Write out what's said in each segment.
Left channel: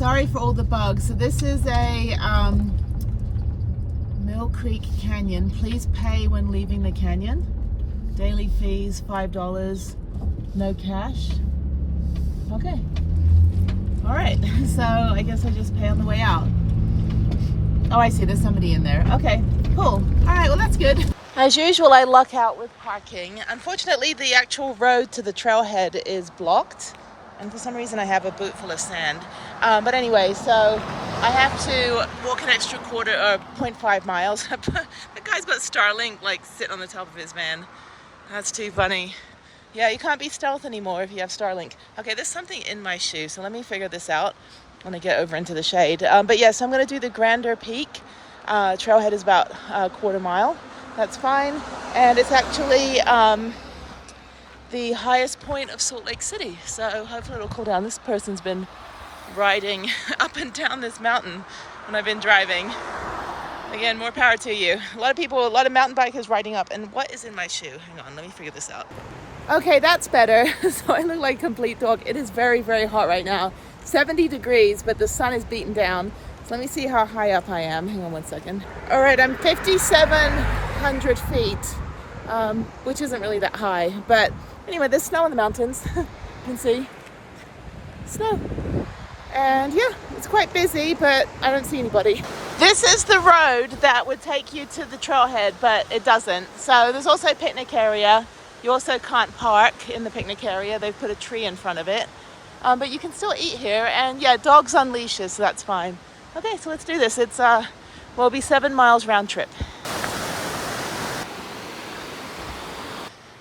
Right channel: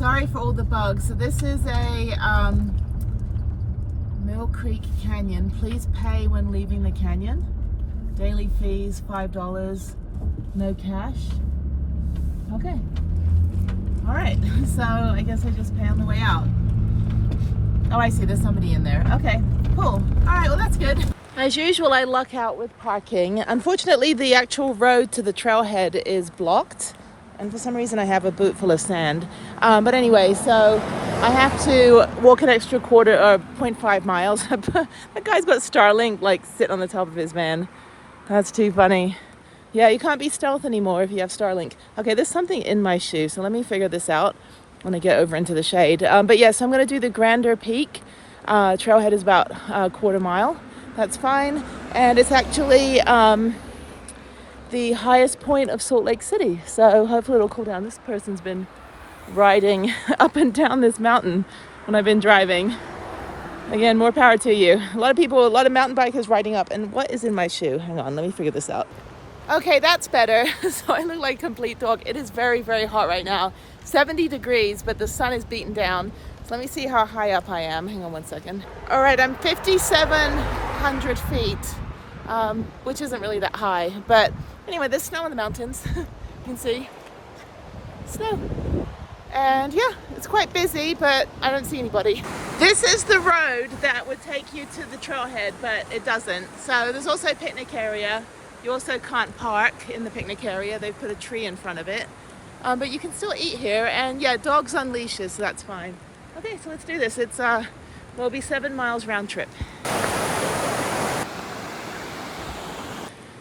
sorry for all the bugs. So this is a Mill Creek Canyon. Please pay when leaving the canyon. Daily fees $5, no cash. Okay. All right, so I guess I just pay on the way out. Oh, I see, there's somebody in there. Okay, cool. All right, well, that's good. As usual, I luck out with parking. Unfortunately, the actual road to the trailhead is blocked. And for some reason, I have a boot full of sand. But anyway, so I have to walk an extra 0.5 miles. That guy's got Starlink, like, sitting on the top of his van. That's too funny. Yeah, you can't be stealth anymore if you have Starlink. Okay, there's something in my shoe, so let me figure this out when I get over into the shade. But yes, I'm gonna do the Grander Peak. Trailhead is about a 1/4 mile. That's fine. And it's actually the highest point of Salt Lake City. So hopefully it'll cool down. This person's been riding up and down this mountain when I've been driving. Again, more power to you. A lot of mountain bikers riding up. And what is in my shoe? Hang on, let me figure this out. Okay, that's better. So I look like a complete dog. It is very, very hot right now. 70 degrees, but the sun is beaten down. So let me see how high up I am. Hang on one second. All right, I'm 5,700 feet, which isn't really that high. But anyway, there's snow in the mountains. You can see snow. And yeah, it's quite busy, but I don't see anybody. This is the road that would take you to the trailhead, but it doesn't. So there's also a picnic area. You also can't park in the picnic area. They've put a tree in front of it. But you can still eat here. And yeah, dogs on leashes, so that's fine. Okay, so let's do this. It's, will be 7 miles round trip.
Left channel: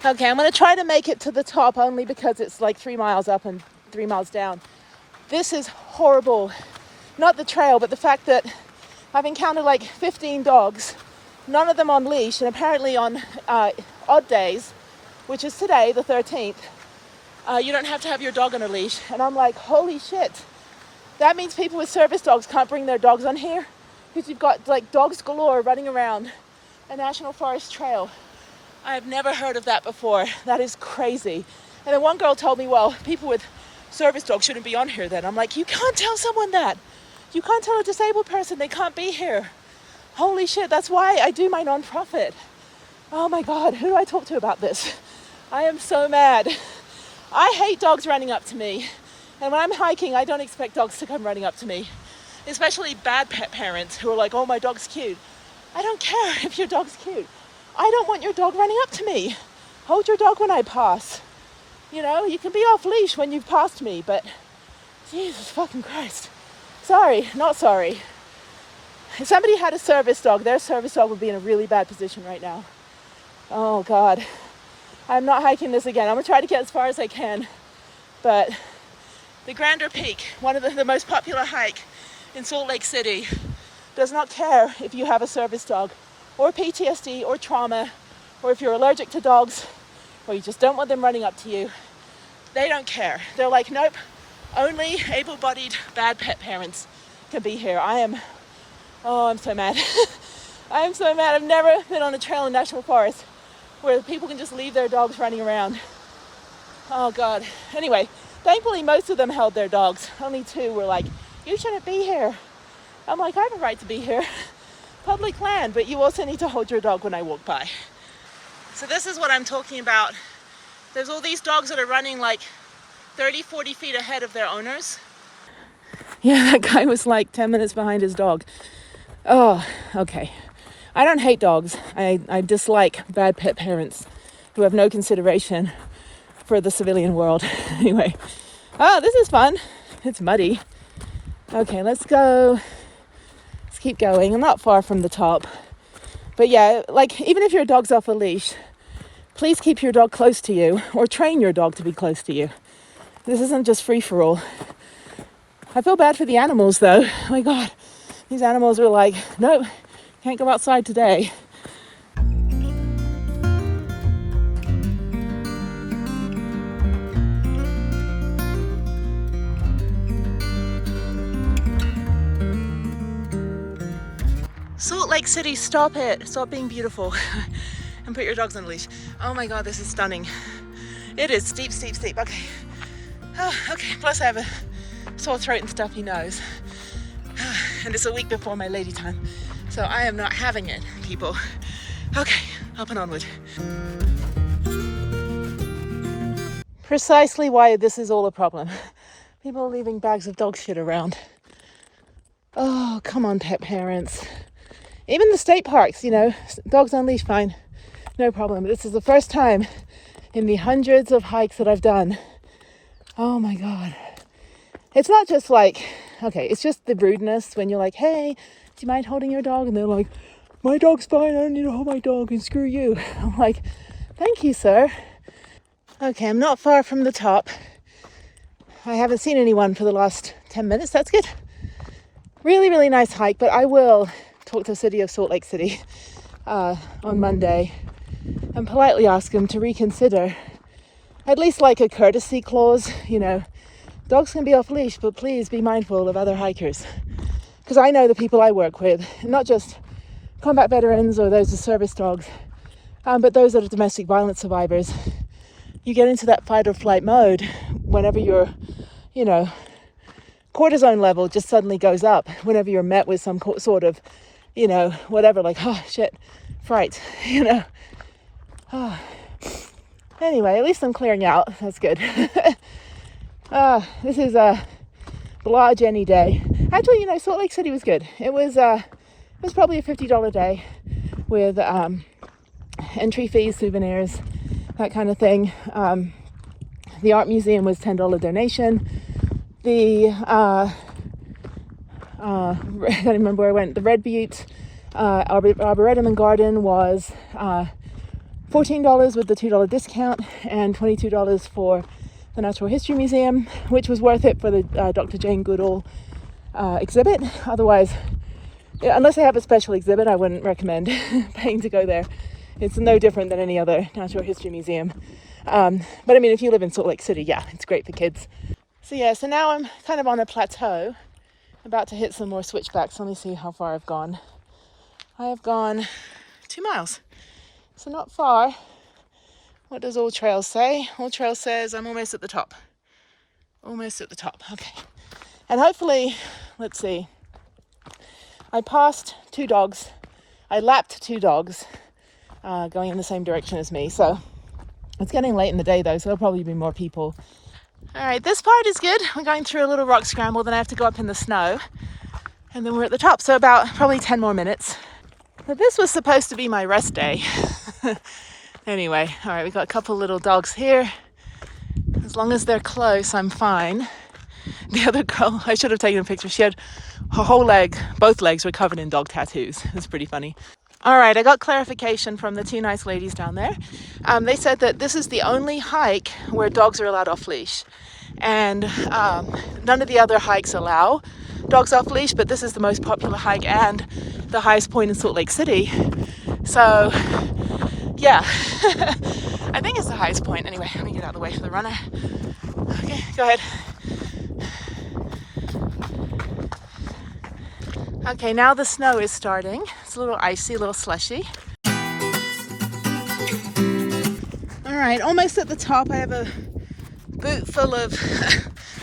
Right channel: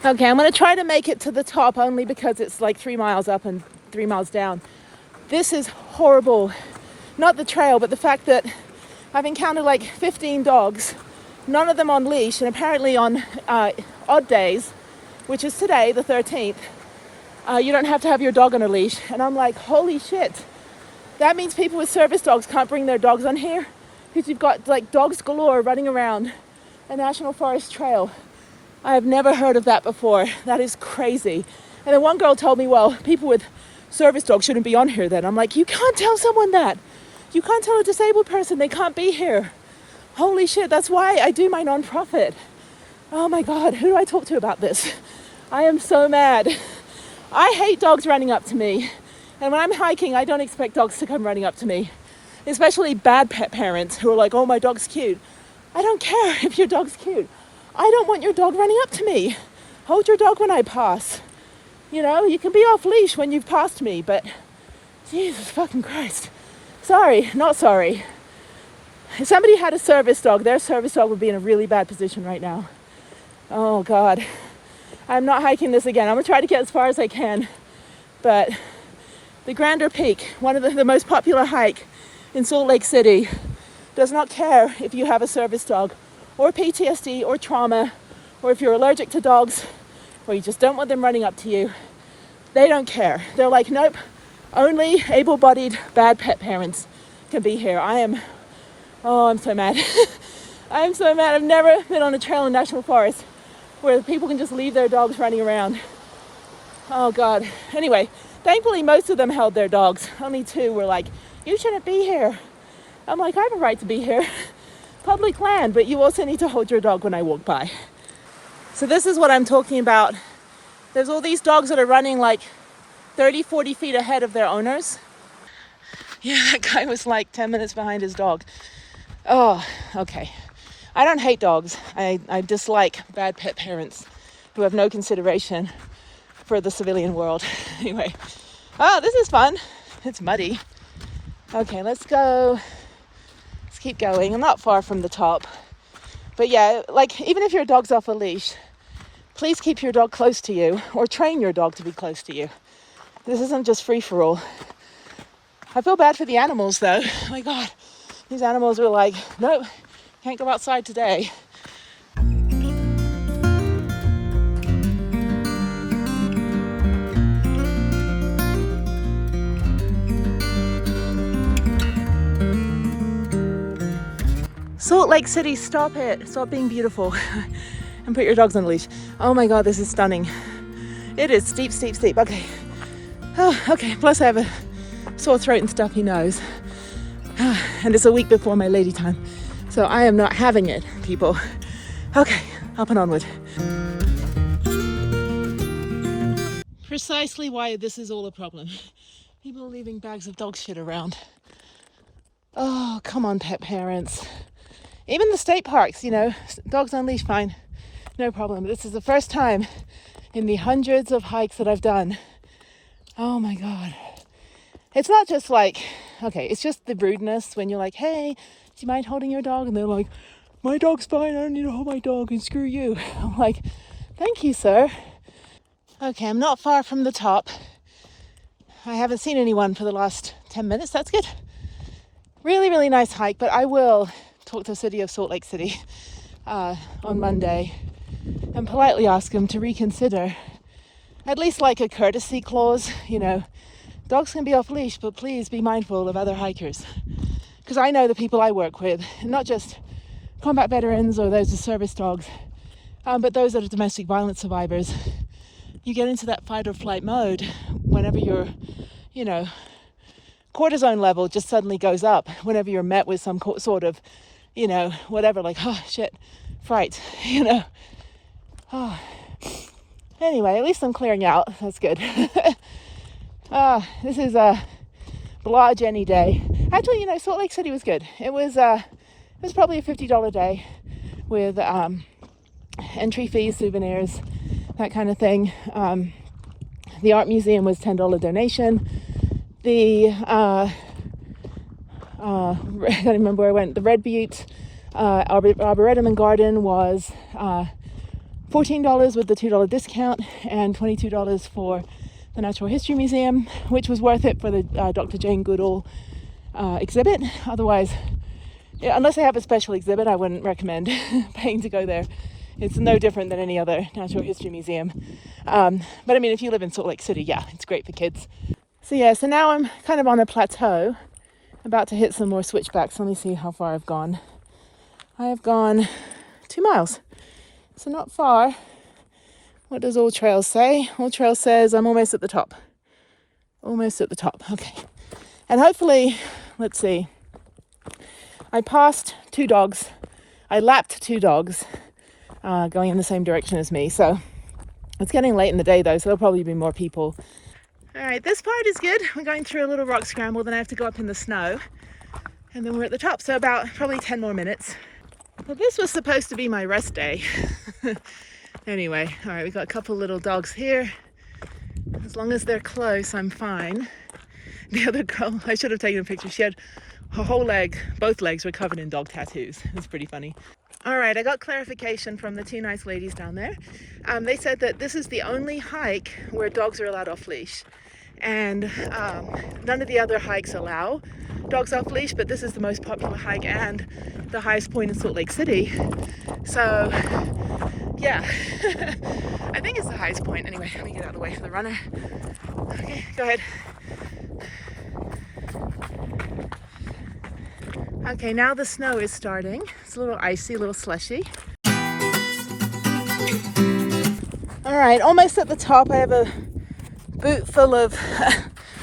Okay, I'm gonna try to make it to the top only because it's like 3 miles up and 3 miles down. This is horrible. Not the trail, but the fact that I've encountered like 15 dogs, none of them on leash, and apparently on odd days, which is today, the 13th, you don't have to have your dog on a leash. And I'm like, holy shit. That means people with service dogs can't bring their dogs on here because you've got like dogs galore running around a national forest trail. I have never heard of that before. That is crazy. And then one girl told me, well, people with service dogs shouldn't be on here then. I'm like, you can't tell someone that. You can't tell a disabled person they can't be here. Holy shit, that's why I do my nonprofit. Oh my God, who do I talk to about this? I am so mad. I hate dogs running up to me. And when I'm hiking, I don't expect dogs to come running up to me. Especially bad pet parents who are like, oh, my dog's cute. I don't care if your dog's cute. I don't want your dog running up to me. Hold your dog when I pass. You know, you can be off leash when you've passed me, but Jesus fucking Christ. Sorry, not sorry. If somebody had a service dog, their service dog would be in a really bad position right now. Oh God. I'm not hiking this again. I'm gonna try to get as far as I can. But the Grander Peak, one of the most popular hike in Salt Lake City, does not care if you have a service dog or PTSD or trauma, or if you're allergic to dogs, or you just don't want them running up to you. They don't care. They're like, nope, only able-bodied bad pet parents can be here. I'm so mad. I am so mad. I've never been on a trail in National Forest where people can just leave their dogs running around. Oh God. Anyway, thankfully most of them held their dogs. Only 2 were like, you shouldn't be here. I'm like, I have a right to be here. Public land, but you also need to hold your dog when I walk by. So this is what I'm talking about. There's all these dogs that are running like 30, 40 feet ahead of their owners. Yeah, that guy was like 10 minutes behind his dog. Oh, okay. I don't hate dogs. I dislike bad pet parents who have no consideration for the civilian world. Anyway, oh, this is fun. It's muddy. Okay, let's go. Let's keep going. I'm not far from the top. But yeah, like even if your dog's off a leash, please keep your dog close to you or train your dog to be close to you. This isn't just free for all. I feel bad for the animals though. Oh my God, these animals are like, nope, can't go outside today. Salt Lake City, stop it. Stop being beautiful and put your dogs on a leash. Oh my God, this is stunning. It is steep, steep, steep. Okay. Oh, okay, plus I have sore throat and stuffy nose. And it's a week before my lady time. So I am not having it, people. Okay, up and onward. Precisely why this is all a problem. People are leaving bags of dog shit around. Oh, come on, pet parents. Even the state parks, you know, dogs on leash, fine, no problem. This is the first time in the hundreds of hikes that I've done. Oh my God. It's not just like, okay, it's just the rudeness when you're like, hey, do you mind holding your dog? And they're like, my dog's fine, I don't need to hold my dog, and screw you. I'm like, thank you, sir. Okay, I'm not far from the top. I haven't seen anyone for the last 10 minutes, that's good. Really, really nice hike, but I will talk to the city of Salt Lake City on Monday and politely ask them to reconsider at least like a courtesy clause. You know, dogs can be off leash, but please be mindful of other hikers. Because I know the people I work with, not just combat veterans or those with service dogs, but those that are domestic violence survivors. You get into that fight or flight mode whenever your, you know, cortisone level just suddenly goes up whenever you're met with some sort of, you know, whatever, like, oh shit, fright, you know. Oh. Anyway, at least I'm clearing out. That's good. This is a blah Jenny day. Actually, you know, Salt Lake City was good. It was probably a $50 day with entry fees, souvenirs, that kind of thing. The art museum was $10 donation. The I don't remember where I went. The Red Butte Arboretum and Garden was $14 with the $2 discount and $22 for the Natural History Museum, which was worth it for the Dr. Jane Goodall exhibit. Otherwise, yeah, unless I have a special exhibit, I wouldn't recommend paying to go there. It's no different than any other natural history museum. But I mean, if you live in Salt Lake City, yeah, it's great for kids. So yeah, so now I'm kind of on a plateau, about to hit some more switchbacks. Let me see how far I've gone. I've gone 2 miles, so not far. What does All Trails say? All Trails says I'm almost at the top. Almost at the top, okay. And hopefully, let's see, I passed 2 dogs. I lapped 2 dogs going in the same direction as me. So it's getting late in the day though, so there'll probably be more people. All right, this part is good. We're going through a little rock scramble, then I have to go up in the snow. And then we're at the top, so about probably 10 more minutes. But this was supposed to be my rest day. Anyway, all right, we've got a couple little dogs here. As long as they're close, I'm fine. The other girl, I should have taken a picture. She had her whole leg, both legs were covered in dog tattoos. It's pretty funny. All right, I got clarification from the 2 nice ladies down there. They said that this is the only hike where dogs are allowed off leash. And none of the other hikes allow dogs off leash, but this is the most popular hike and the highest point in Salt Lake City. So, yeah, I think it's the highest point. Anyway, let me get out of the way for the runner. Okay, go ahead. Okay, now the snow is starting. It's a little icy, a little slushy. All right, almost at the top. I have a boot full of,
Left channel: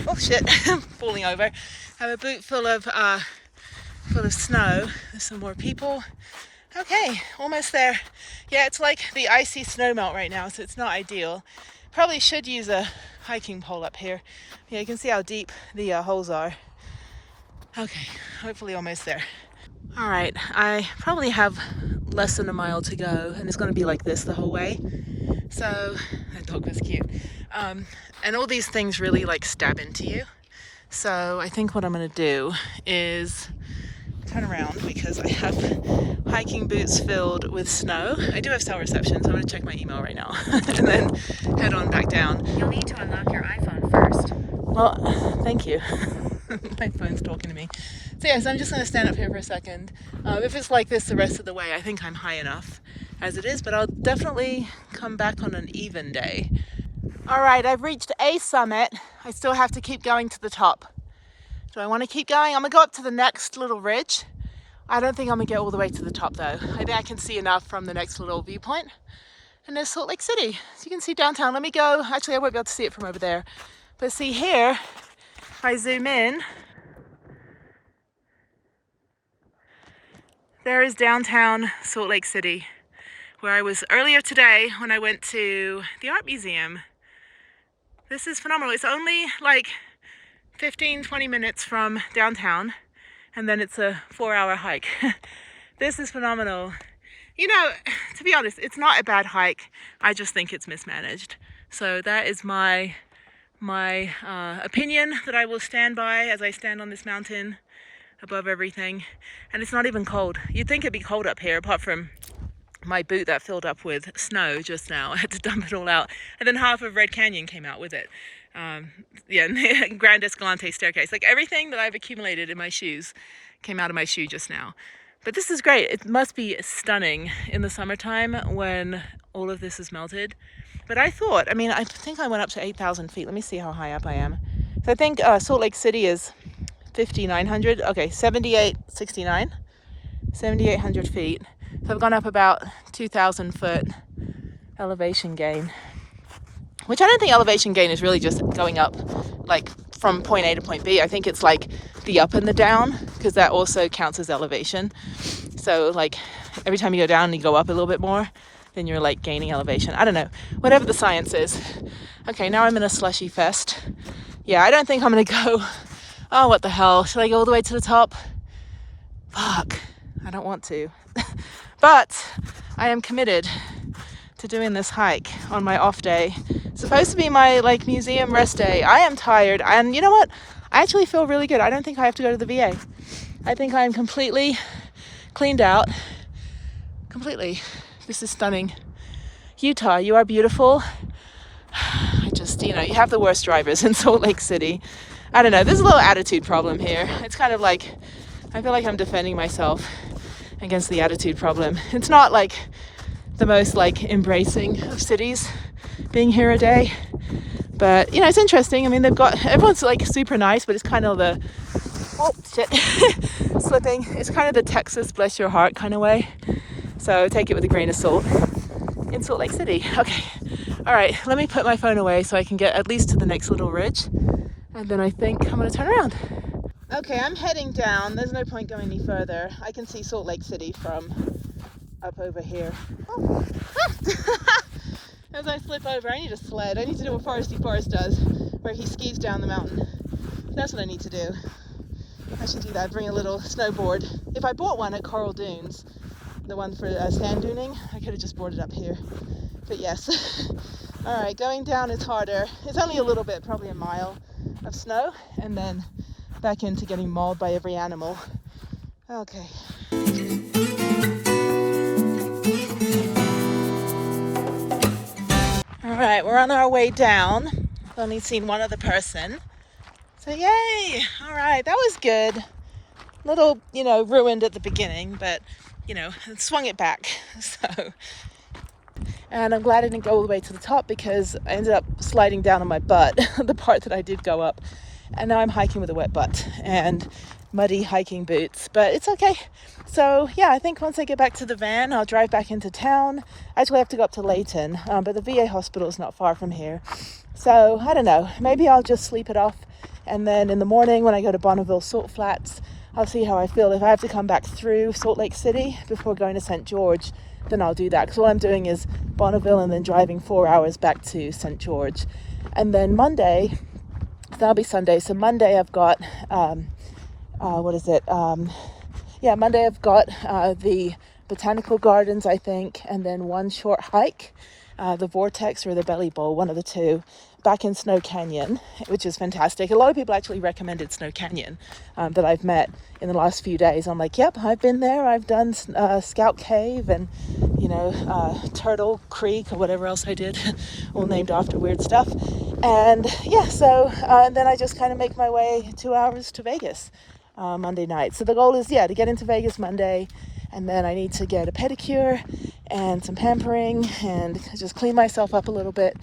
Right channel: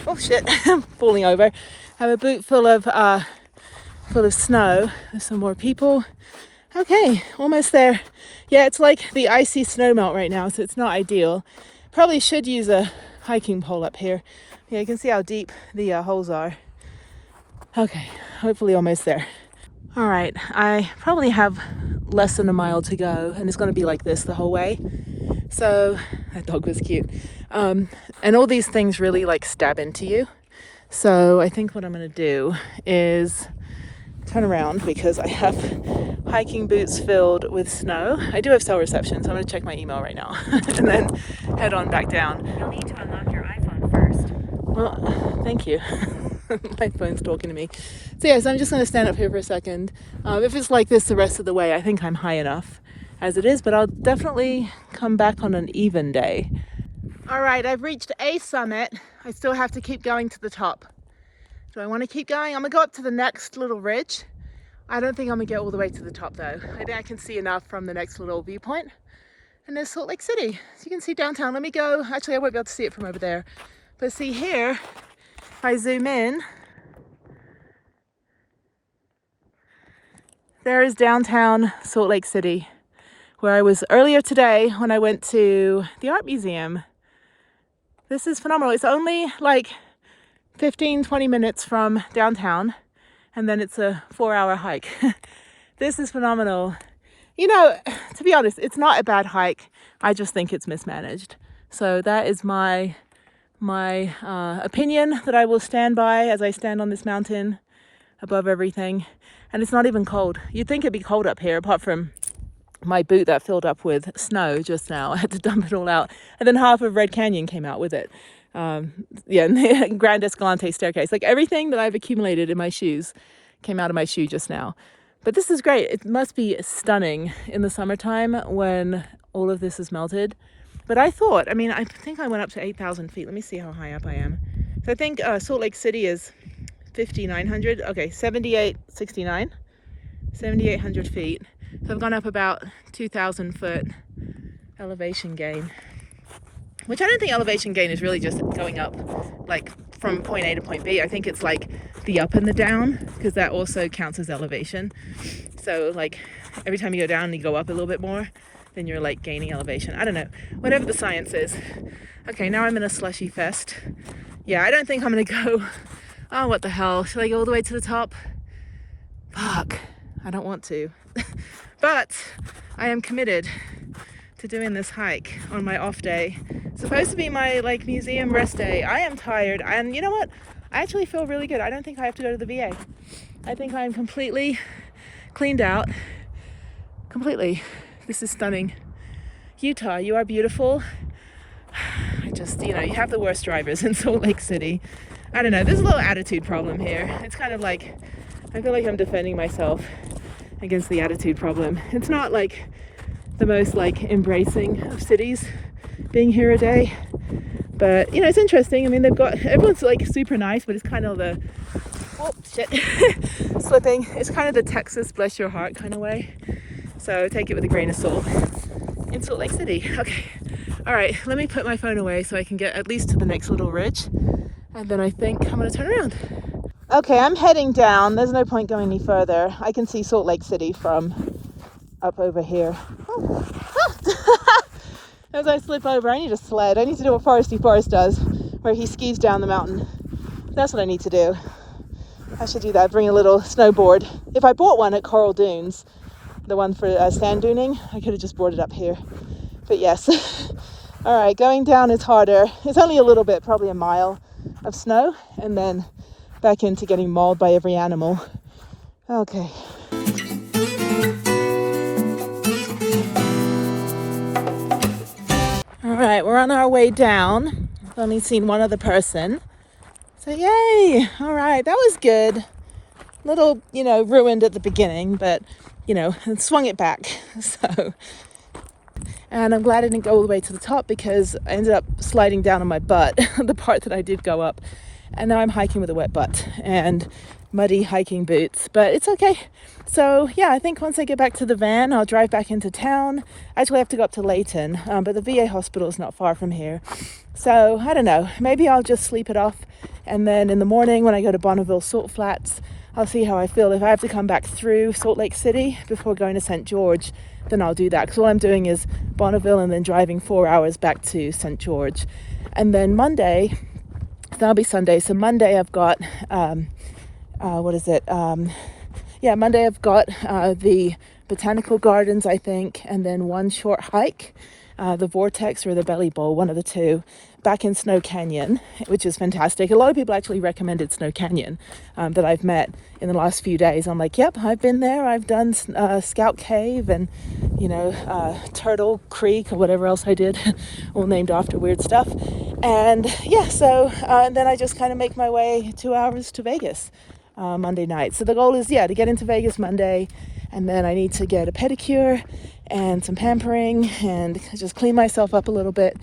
oh shit, I'm falling over. I have a boot full of snow. There's some more people. Okay, almost there. Yeah, it's like the icy snow melt right now, so it's not ideal. Probably should use a hiking pole up here. Yeah, you can see how deep the holes are. Okay, hopefully almost there. All right, I probably have less than a mile to go, and it's going to be like this the whole way. So, that dog was cute. And all these things really like stab into you. So I think what I'm going to do is turn around because I have hiking boots filled with snow. I do have cell reception, so I'm going to check my email right now and then head on back down. You'll need to unlock your iPhone first. Well, thank you. My phone's talking to me. So yes, I'm just going to stand up here for a second. If it's like this the rest of the way, I think I'm high enough as it is, but I'll definitely come back on an even day. All right, I've reached a summit. I still have to keep going to the top. Do I want to keep going? I'm going to go up to the next little ridge. I don't think I'm going to get all the way to the top though. I think I can see enough from the next little viewpoint. And there's Salt Lake City. So you can see downtown. Let me go. Actually, I won't be able to see it from over there. But see here If I zoom in, there is downtown Salt Lake City, where I was earlier today when I went to the art museum. This is phenomenal. It's only like 15-20 minutes from downtown, and then it's a 4-hour hike. This is phenomenal. You know, to be honest, it's not a bad hike. I just think it's mismanaged. So that is my opinion that I will stand by as I stand on this mountain above everything. And it's not even cold. You'd think it'd be cold up here, apart from my boot that filled up with snow just now. I had to dump it all out. And then half of Red Canyon came out with it. Yeah, Grand Escalante staircase. Like everything that I've accumulated in my shoes came out of my shoe just now. But this is great. It must be stunning in the summertime when all of this is melted. But I think I went up to 8,000 feet. Let me see how high up I am. So I think Salt Lake City is 5,900. Okay, 7,800 feet. So I've gone up about 2,000 foot elevation gain. Which I don't think elevation gain is really just going up like from point A to point B. I think it's like the up and the down, because that also counts as elevation. So like every time you go down and you go up a little bit more, then you're like gaining elevation. I don't know, whatever the science is. Okay, now I'm in a slushy fest. Yeah, I don't think I'm gonna go. Oh, what the hell? Should I go all the way to the top? Fuck, I don't want to. But I am committed to doing this hike on my off day. It's supposed to be my like museum rest day. I am tired, and you know what? I actually feel really good. I don't think I have to go to the VA. I think I'm completely cleaned out. Completely. This is stunning. Utah, you are beautiful. I just, you have the worst drivers in Salt Lake City. I don't know, there's a little attitude problem here. It's kind of like, I feel like I'm defending myself against the attitude problem. It's not like the most like embracing of cities being here a day, but it's interesting. I mean, everyone's like super nice, but it's kind of the slipping. It's kind of the Texas bless your heart kind of way. So take it with a grain of salt in Salt Lake City. Okay, all right, let me put my phone away so I can get at least to the next little ridge, and then I think I'm gonna turn around. Okay, I'm heading down. There's no point going any further. I can see Salt Lake City from up over here. Oh. As I slip over, I need a sled. I need to do what Foresty Forrest does, where he skis down the mountain. That's what I need to do. I should do that, bring a little snowboard. If I bought one at Coral Dunes, the one for sand duning, I could have just brought it up here. But yes. All right, going down is harder. It's only a little bit, probably a mile of snow, and then back into getting mauled by every animal. Okay. All right, we're on our way down. I've only seen one other person. So yay! All right, that was good. Little, ruined at the beginning, but, swung it back. So, and I'm glad I didn't go all the way to the top because I ended up sliding down on my butt, the part that I did go up. And now I'm hiking with a wet butt and muddy hiking boots, but it's okay. So yeah, I think once I get back to the van, I'll drive back into town. Actually, I have to go up to Layton, but the VA hospital is not far from here. So I don't know, maybe I'll just sleep it off. And then in the morning when I go to Bonneville Salt Flats, I'll see how I feel. If I have to come back through Salt Lake City before going to St. George, then I'll do that. Because all I'm doing is Bonneville and then driving 4 hours back to St. George. And then Monday, that'll be Sunday. So Monday I've got, Monday I've got the botanical gardens, I think, and then one short hike, the Vortex or the Belly Bowl, one of the two, back in Snow Canyon, which is fantastic. A lot of people actually recommended Snow Canyon that I've met in the last few days. I'm like, yep, I've been there. I've done Scout Cave and, Turtle Creek or whatever else I did, all named after weird stuff. And yeah, so and then I just kind of make my way 2 hours to Vegas Monday night. So the goal is, to get into Vegas Monday, and then I need to get a pedicure and some pampering and just clean myself up a little bit,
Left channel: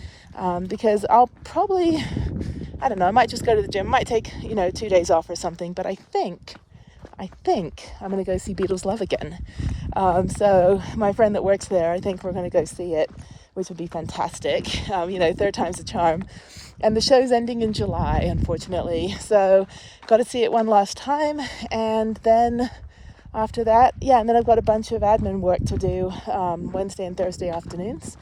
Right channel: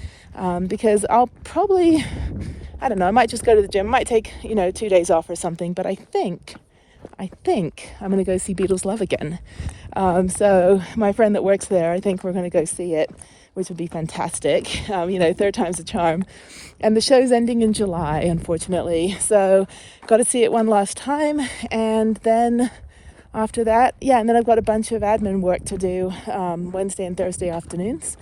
because I'll probably, I don't know, I might just go to the gym. I might take, 2 days off or something, but I think I'm going to go see Beatles Love again. So my friend that works there, I think we're going to go see it which would be fantastic. You know, third time's a charm. And the show's ending in July, unfortunately. So got to see it one last time, and then after that, yeah, and then I've got a bunch of admin work to do Wednesday and Thursday afternoons,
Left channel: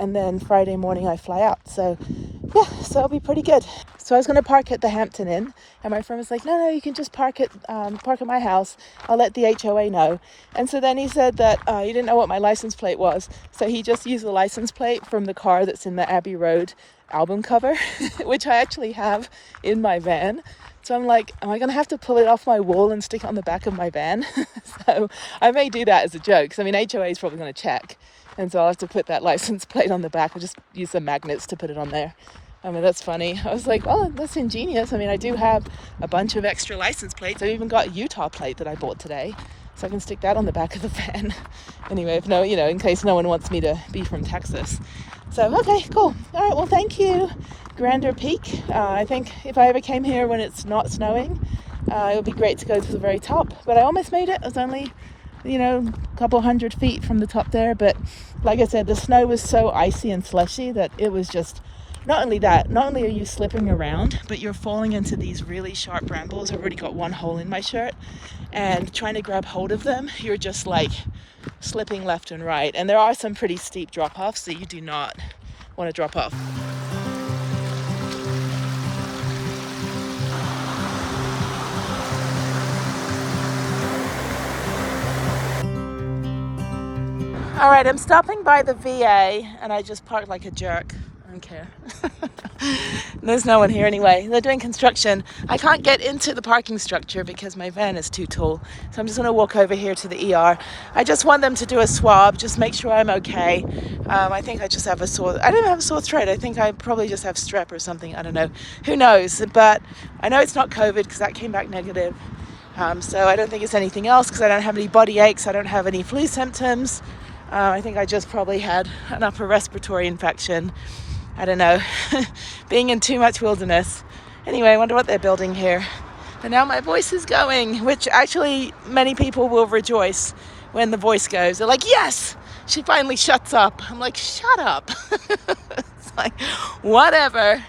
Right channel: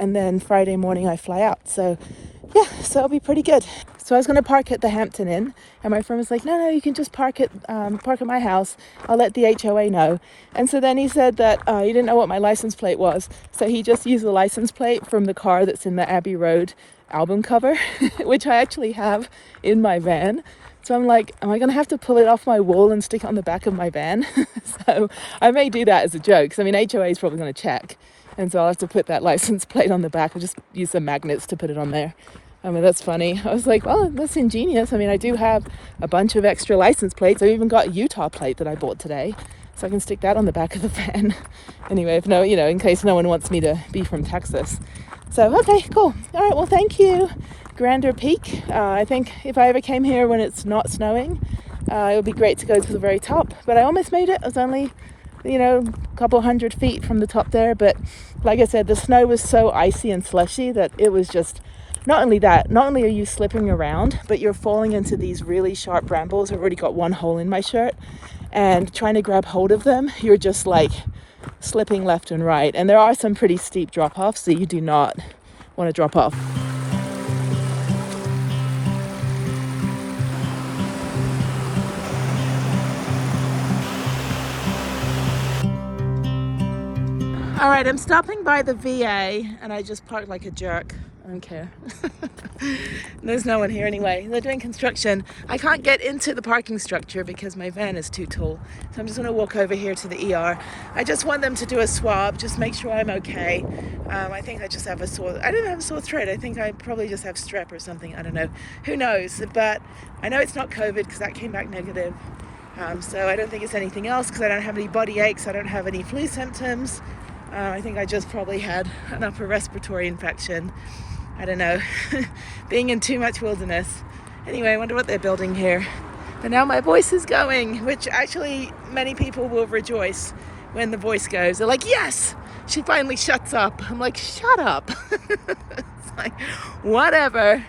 and then Friday morning I fly out. So yeah, so it'll be pretty good. So I was going to park at the Hampton Inn, and my friend was like, no, you can just park at my house. I'll let the HOA know. And so then he said that he didn't know what my license plate was, so he just used the license plate from the car that's in the Abbey Road album cover, which I actually have in my van. So I'm like, am I gonna have to pull it off my wall and stick it on the back of my van? So I may do that as a joke, because I mean HOA is probably gonna check, and so I'll have to put that license plate on the back. I'll just use the magnets to put it on there. I mean, that's funny. I was like, well, that's ingenious. I mean, I do have a bunch of extra license plates. I've even got a Utah plate that I bought today, so I can stick that on the back of the van. Anyway, if no, you know, in case no one wants me to be from Texas. So, okay, cool. All right, well, thank you, Grander Peak. I think if I ever came here when it's not snowing, it would be great to go to the very top. But I almost made it. I was only, you know, a couple hundred feet from the top there. But like I said, the snow was so icy and slushy that it was just, not only are you slipping around, but you're falling into these really sharp brambles. I've already got one hole in my shirt, and trying to grab hold of them, you're just like slipping left and right. And there are some pretty steep drop-offs, so you do not want to drop off. All right, I'm stopping by the VA, and I just parked like a jerk. I don't care. There's no one here anyway. They're doing construction. I can't get into the parking structure because my van is too tall. So I'm just gonna walk over here to the ER. I just want them to do a swab, just make sure I'm okay. I think I just have I don't have a sore throat. I think I probably just have strep or something. I don't know. Who knows? But I know it's not COVID because that came back negative. So I don't think it's anything else because I don't have any body aches. I don't have any flu symptoms. I think I just probably had an upper respiratory infection. I don't know, being in too much wilderness. Anyway, I wonder what they're building here. But now my voice is going, which actually many people will rejoice when the voice goes. They're like, yes, she finally shuts up. I'm like, shut up. It's like, whatever.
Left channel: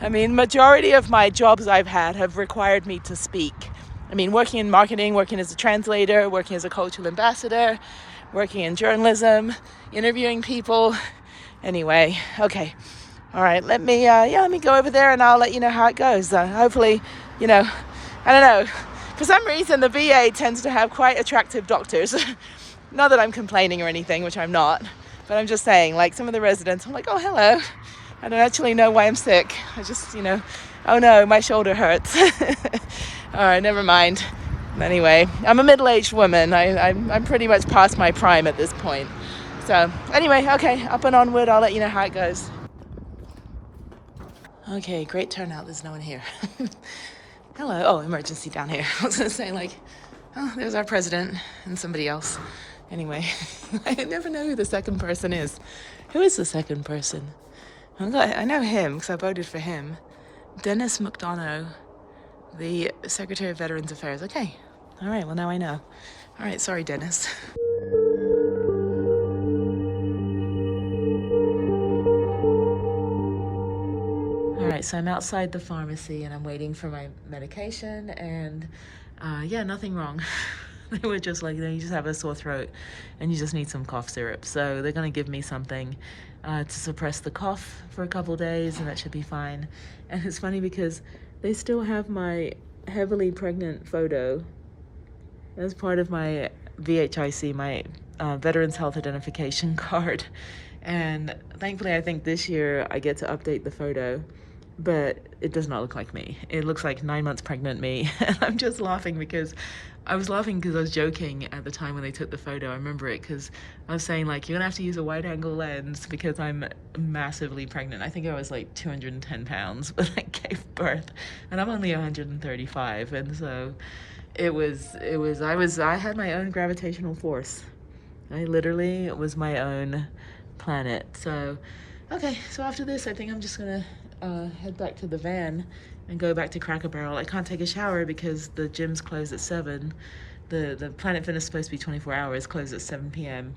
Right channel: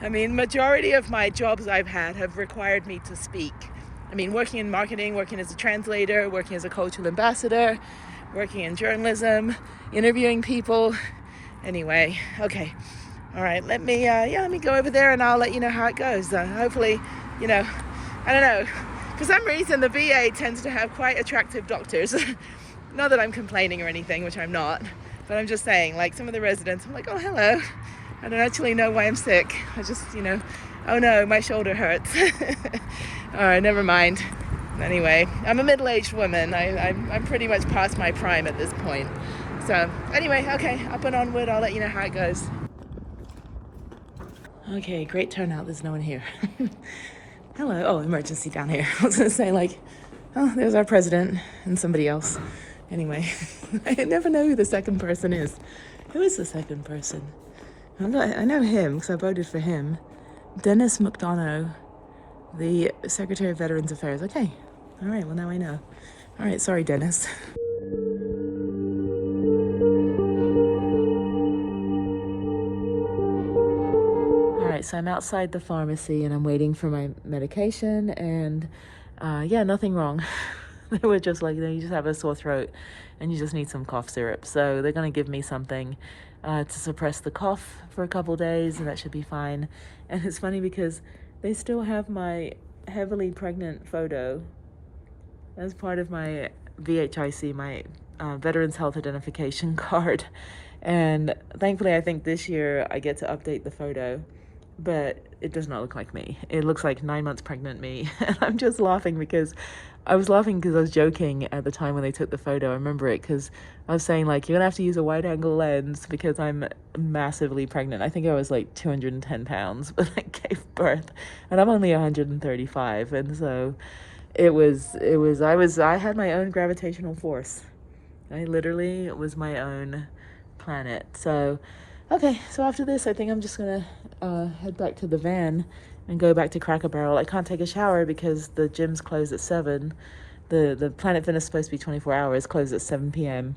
I mean, majority of my jobs I've had have required me to speak. I mean, working in marketing, working as a translator, working as a cultural ambassador, working in journalism, interviewing people. Anyway, okay. All right, let me go over there and I'll let you know how it goes. Hopefully, you know, I don't know. For some reason, the VA tends to have quite attractive doctors. Not that I'm complaining or anything, which I'm not, but I'm just saying, like some of the residents, I'm like, oh, hello. I don't actually know why I'm sick. I just, you know, oh no, my shoulder hurts. All right, never mind. Anyway, I'm a middle-aged woman. I'm pretty much past my prime at this point. So anyway, okay, up and onward. I'll let you know how it goes. Okay, great turnout. There's no one here. Hello. Oh, emergency down here. I was going to say, like, oh, there's our president and somebody else. Anyway, I never know who the second person is. Who is the second person? I know him because I voted for him. Dennis McDonough, the Secretary of Veterans Affairs. Okay. All right. Well, now I know. All right. Sorry, Dennis. Alright, so I'm outside the pharmacy and I'm waiting for my medication, and yeah, nothing wrong. They were just like, you just have a sore throat and you just need some cough syrup. So they're going to give me something to suppress the cough for a couple days, and that should be fine. And it's funny because they still have my heavily pregnant photo as part of my VHIC, my Veterans Health Identification card. And thankfully, I think this year I get to update the photo. But it does not look like me. It looks like 9 months pregnant me. And I'm just laughing because I was joking at the time when they took the photo. I remember it because I was saying, like, you're going to have to use a wide angle lens because I'm massively pregnant. I think I was like 210 pounds when I gave birth, and I'm only 135. And so I had my own gravitational force. I literally was my own planet. So, okay. So after this, I think I'm just going to head back to the van and go back to Cracker Barrel. I can't take a shower because the gym's closed at 7. The Planet Fitness is supposed to be 24 hours, closed at 7 p.m.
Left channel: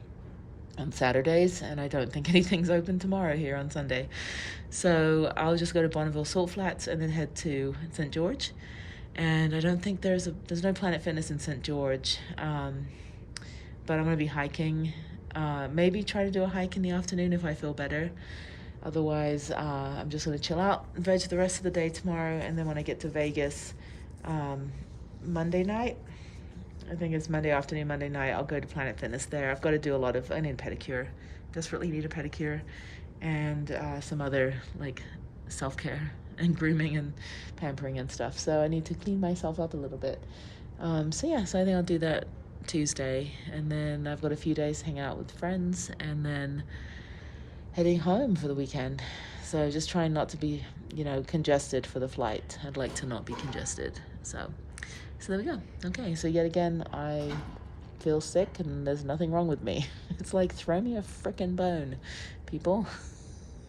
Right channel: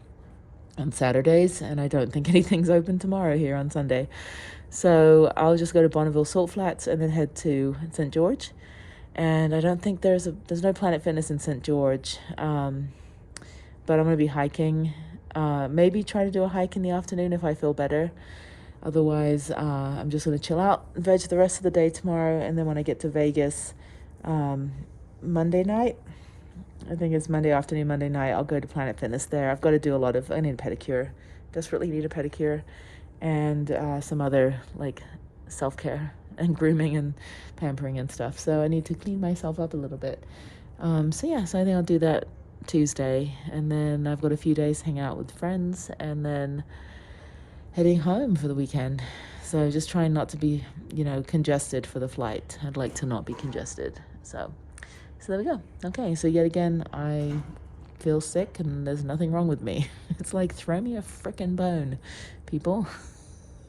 on Saturdays, and I don't think anything's open tomorrow here on Sunday. So I'll just go to Bonneville Salt Flats and then head to St. George. And I don't think there's no Planet Fitness in St. George, but I'm gonna be hiking. Maybe try to do a hike in the afternoon if I feel better. Otherwise, I'm just gonna chill out and veg the rest of the day tomorrow, and then when I get to Vegas, Monday night, I think it's Monday afternoon, Monday night, I'll go to Planet Fitness there. I've got to do I need a pedicure. Desperately need a pedicure, and some other like self-care and grooming and pampering and stuff. So I need to clean myself up a little bit. So I think I'll do that Tuesday, and then I've got a few days to hang out with friends, and then heading home for the weekend. So just trying not to be, congested for the flight. I'd like to not be congested. So there we go. Okay, so yet again, I feel sick and there's nothing wrong with me. It's like, throw me a freaking bone, people.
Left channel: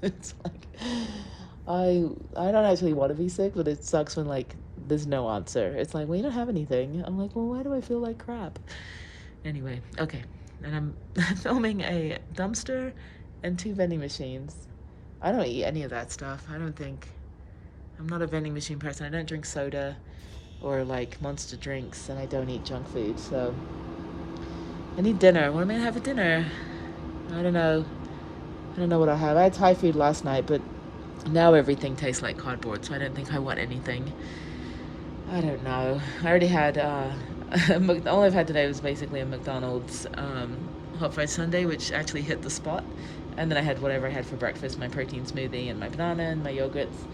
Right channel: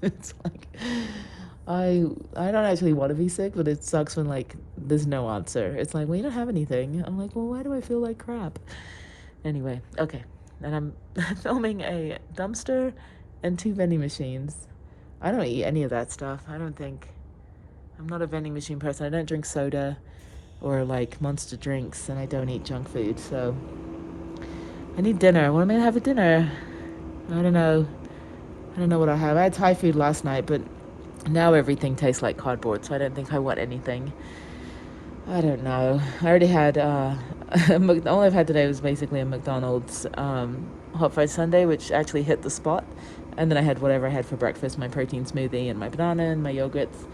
It's like, I don't actually want to be sick, but it sucks when like there's no answer. It's like, well, you don't have anything. I'm like, well, why do I feel like crap? Anyway, okay. And I'm filming a dumpster and 2 vending machines. I don't eat any of that stuff. I'm not a vending machine person. I don't drink soda or like Monster drinks, and I don't eat junk food. So I need dinner. What am I gonna have for dinner? I don't know what I have. I had Thai food last night, but now everything tastes like cardboard, so I don't think I want anything. I don't know. I already had, the only I've had today was basically a McDonald's hot fried sundae, which actually hit the spot. And then I had whatever I had for breakfast, my protein smoothie and my banana and my yogurts.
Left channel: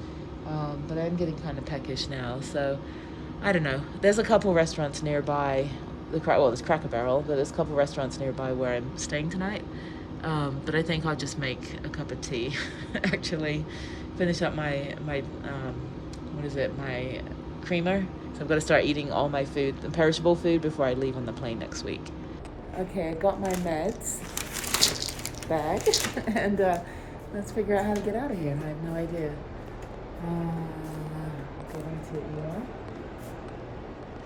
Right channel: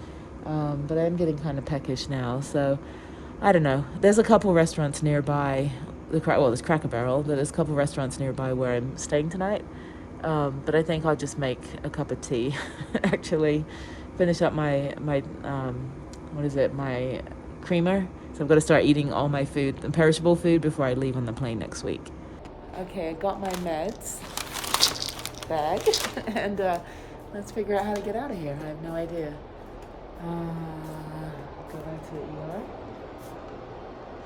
But I'm getting kind of peckish now, so I don't know. There's a couple restaurants nearby. There's Cracker Barrel, but there's a couple restaurants nearby where I'm staying tonight. But I think I'll just make a cup of tea. Actually, finish up my creamer. So I've got to start eating all my food, the perishable food, before I leave on the plane next week. Okay, I got my meds bag, and let's figure out how to get out of here. I have no idea. Go down to the ER.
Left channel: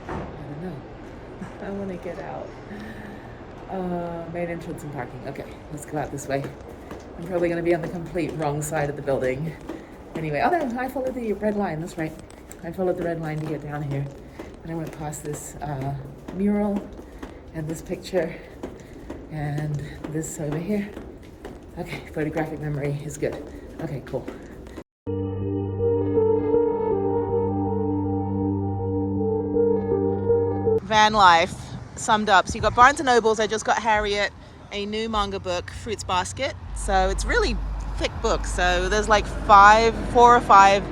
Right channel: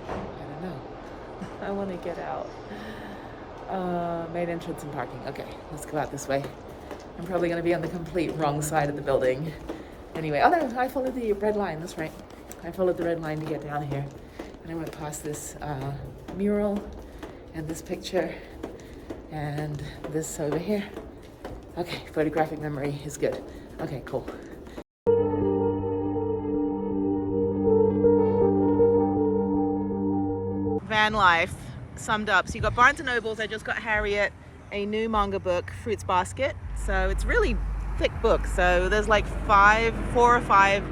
I don't know. I want to get out. Main entrance and parking. Okay, let's go out this way. I'm probably going to be on the complete wrong side of the building. Anyway, oh no, I followed the red line. That's right. I followed the red line to get down here. And I went past this mural and this picture and this over here. Okay, photographic memory is good. Okay, cool. Vanlife summed up. So you got Barnes & Noble's. I just got Harriet a new manga book, Fruits Basket. So it's really thick book. So there's like 4 or 5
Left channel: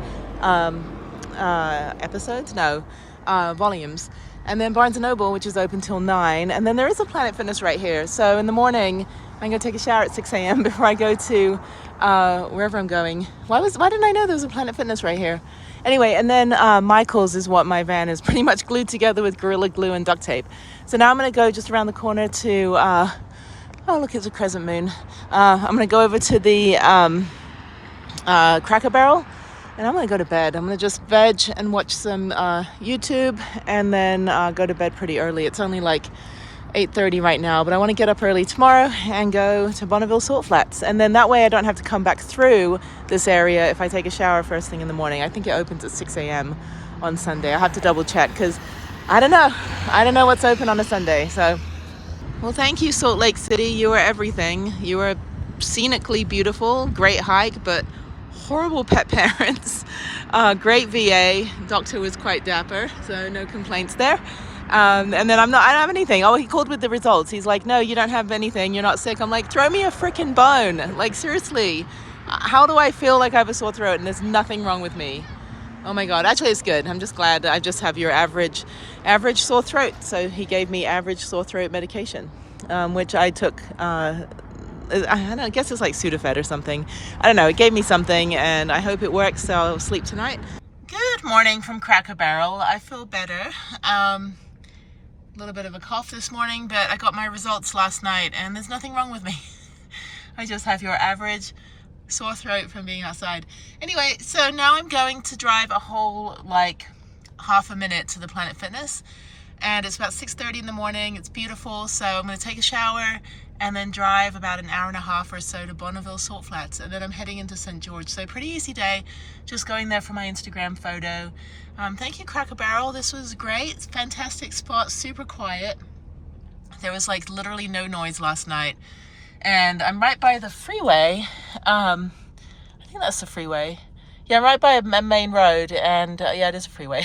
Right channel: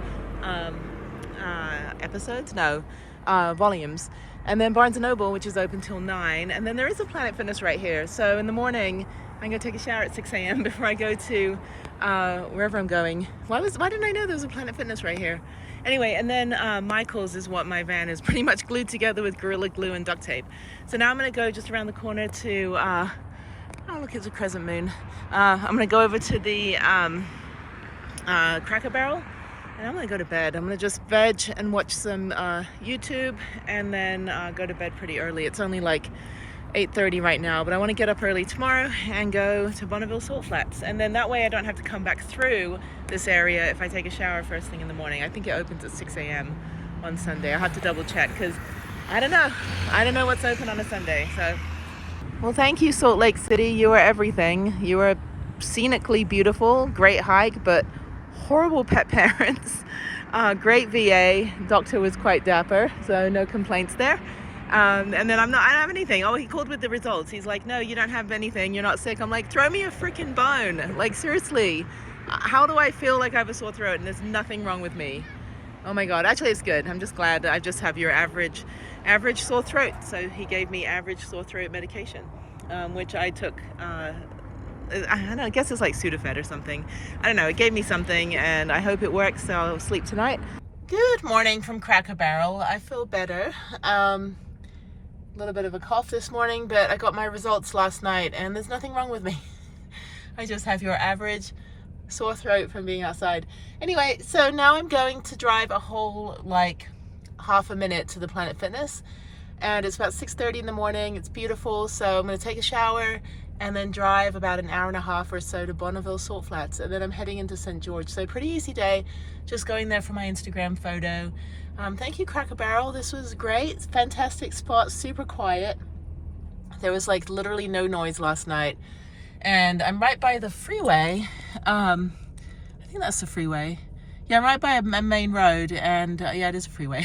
volumes. And then Barnes & Noble, which is open till 9. And then there is a Planet Fitness right here. So in the morning, I'm gonna take a shower at 6 a.m. before I go to wherever I'm going. Why didn't I know there was a Planet Fitness right here? Anyway, and then Michael's is what my van is pretty much glued together with Gorilla Glue and duct tape. So now I'm gonna go just around the corner to, oh look, it's a crescent moon. I'm gonna go over to the Cracker Barrel, and I'm gonna go to bed. I'm gonna just veg and watch some YouTube, and then go to bed pretty early. It's only like 8:30 right now, but I want to get up early tomorrow and go to Bonneville Salt Flats, and then that way I don't have to come back through this area if I take a shower first thing in the morning. I think it opens at 6 a.m. on Sunday. I have to double check because I don't know what's open on a Sunday. So, well, thank you, Salt Lake City. You were everything. You were scenically beautiful, great hike, but horrible pet parents. Great VA. Doctor was quite dapper, so no complaints there. And then I don't have anything. Oh, he called with the results. He's like, no, you don't have anything. You're not sick. I'm like, throw me a freaking bone. Like, seriously, how do I feel like I have a sore throat and there's nothing wrong with me? Oh my God, actually it's good. I'm just glad that I just have your average sore throat. So he gave me average sore throat medication, which I took, I guess it's like Sudafed or something. I don't know, it gave me something and I hope it works, so I'll sleep tonight. Good morning from Cracker Barrel. I feel better. A little bit of a cough this morning, but I got my results last night and there's nothing wrong with me. I just have your average sore throat from being outside. Anyway, so now I'm going to drive a whole like half a minute to the Planet Fitness, and it's about 6:30 in the morning. It's beautiful, so I'm going to take a shower and then drive about an hour and a half or so to Bonneville Salt Flats, and then I'm heading into St. George. So pretty easy day, just going there for my Instagram photo. Thank you, Cracker Barrel. This was great. Fantastic spot, super quiet. There was like literally no noise last night. And I'm right by the freeway. I think that's the freeway. Yeah, I'm right by a main road, and yeah, it is a freeway.